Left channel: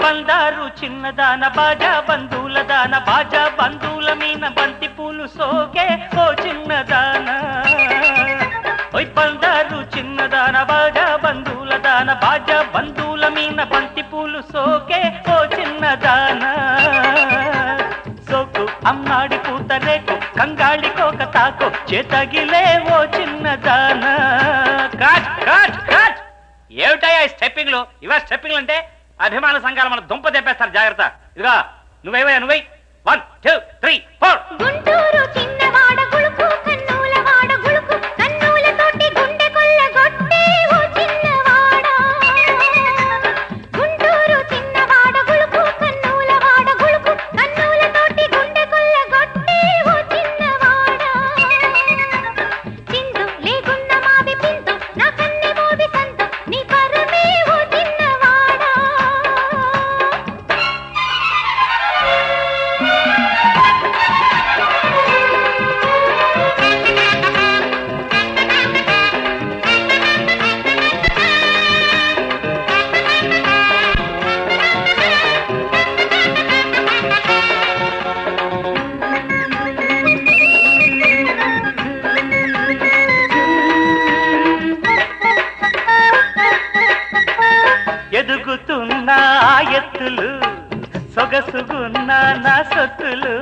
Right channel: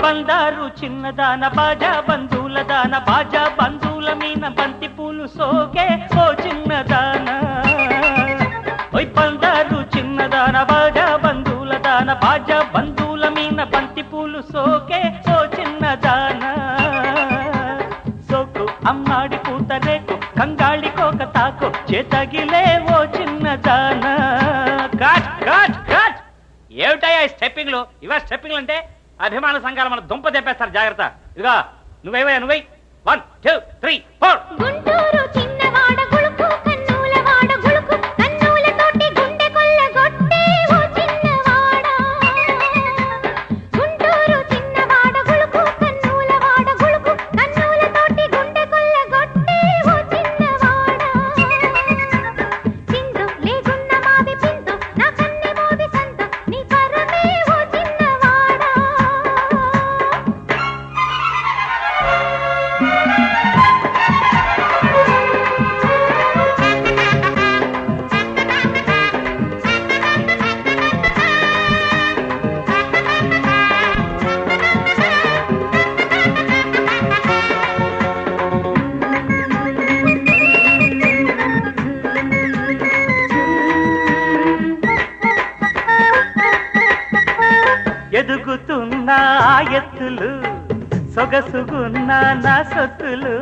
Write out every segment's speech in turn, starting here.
బందారు చిన్నదాన బాజా బంధువుల దాన బాజా బంధువుల మీన బంతి పూలు సోకే ఓ చిన్నదాన. బందారు చిన్నదాన బాజా బంధువుల దాన బాజా బంధువుల మీన బంతి పూలు సోకే ఓ చిన్నదాన. సోకు అమ్మాడి కూతరేకు కంగాళి కోక తాకు చేతగిలే ఓ చిన్నదాన. ఏమిటయ్యా స్టెప్పింగ్లు? ఇవా స్టెప్పింగ్లు అంటే అభిమాన సంఘాలు మన దుంప తెప్పేస్తారు, జాగ్రత్త. ఇదిగా నువ్వేవయ్యా, నువ్వై 1 2 3 4. గుంటూరు చిన్నవాడ గుళుకు కన్నుల వాడ గుళుకు కన్నులతోటి గుండె కొల్లగొట్టి ఓ చిన్నవాడ. గుంటూరు చిన్నవాడ గుళుకు కన్నుల వాడ గుళుకు కన్నులతోటి గుండె కొల్లగొట్టి ఓ చిన్నవాడ. చిందు లేకున్న మావి పిందు నా కన్నె మోవి సంత నీ పరమే ఓ చిన్నవాడ. ఎదుగుతున్న ఎత్తులు సొగసుగున్న నా సొత్తులు,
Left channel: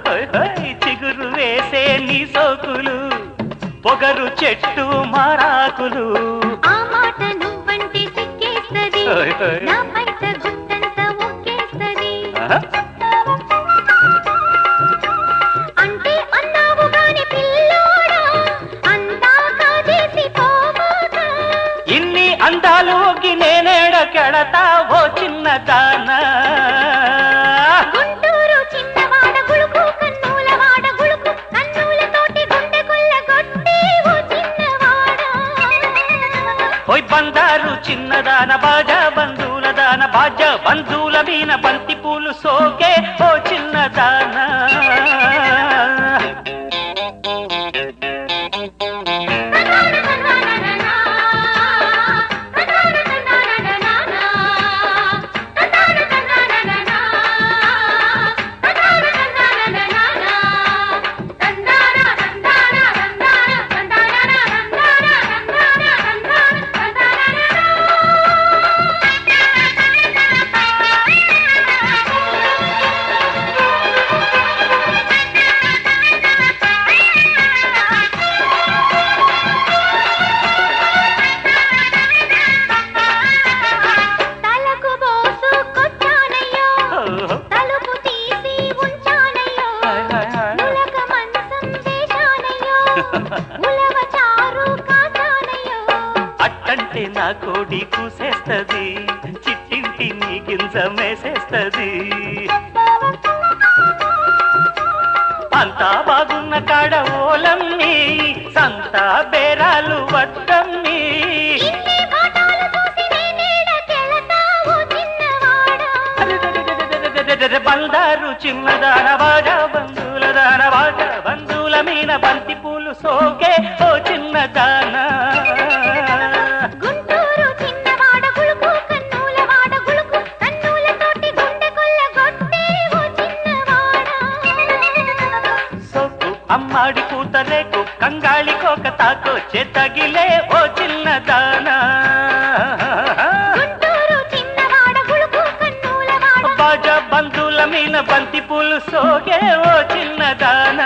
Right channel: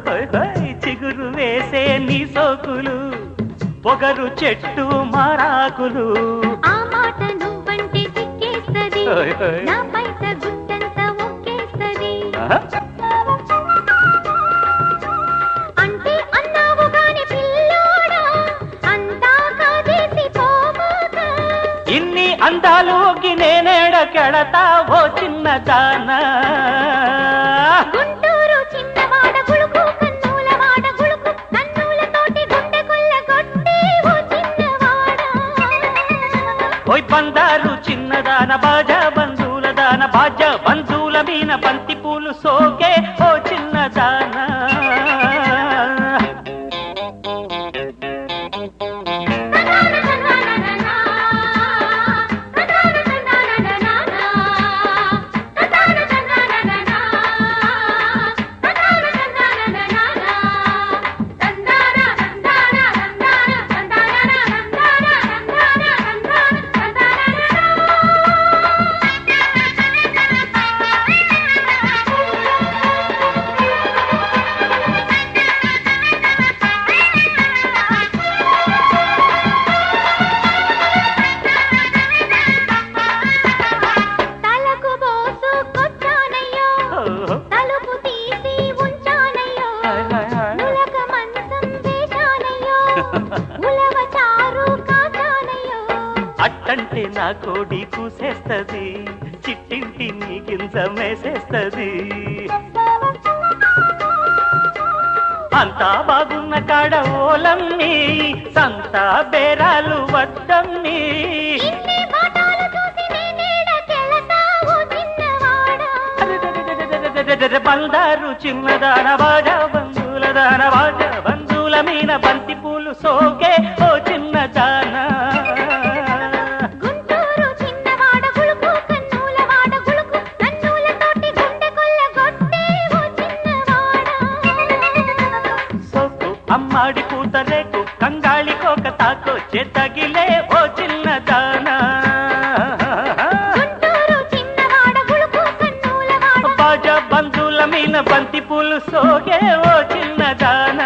చిగురు వేసే నీ సోకులు పొగరు చెట్టు మారాకులు. ఆ మాట నువ్వంటే సిక్కేస్తది, నా బయట గుట్టంతా ముక్కేస్తది. అంటే అన్నావు గాని పిల్లోడా అంతా కాదేసి పోమాక. ఇన్ని అందాలు ఒగ్గి నేనేడ కెడతా ఓ చిన్నదానా. గుంటూరు చిన్నవాడ గుళుకు కన్నుల వాడ గుళుకు కన్నులతోటి గుండె కొల్లగొట్టి ఓ చిన్నవాడ. బందారు చిన్నదాన బాజా బంధువుల దాన బాజా బంధువుల మీన బంతి పూలు సోకే ఓ చిన్నదాన. తలకు బోసుకొచ్చానయ్యో తలుపు తీసి ఉంచానయ్యో. ఉలక మంచం వేశానయ్యో ఉలవ చారు కాచానయ్యో. అట్టంటే నా కోడి కూసేస్తది, చిట్టింటి నీ గింజ మేసేస్తది. అంతా బాగున్న కాడ ఓలన్నీ సంతా బేరాలు వద్దన్నీ. ఇన్ని ఫోటోలు చూసి నేనేడ తెలుసా ఓ చిన్నవాడ. బందారు చిన్నదాన బాజా బంధువుల దాన బాజా బంధువుల మీన బంతి పూలు సోకే ఓ చిన్నదాన. గుంటూరు చిన్నవాడ గుళుకు కన్నుల వాడ గుళుకు కన్నులతోటి గుండె కొల్లగొట్టి ఓ చిన్నవాడ. సోకు అమ్మాడి కూతరేకు కంగాళి కోక తాకు చేతగిలే ఓ చిన్నదాన. గుంటూరు చిన్నవాడ గుళుకు కన్నుల వాడ బాజా బంధువుల మీన బంతి పూలు సోకే ఓ చిన్నదాన.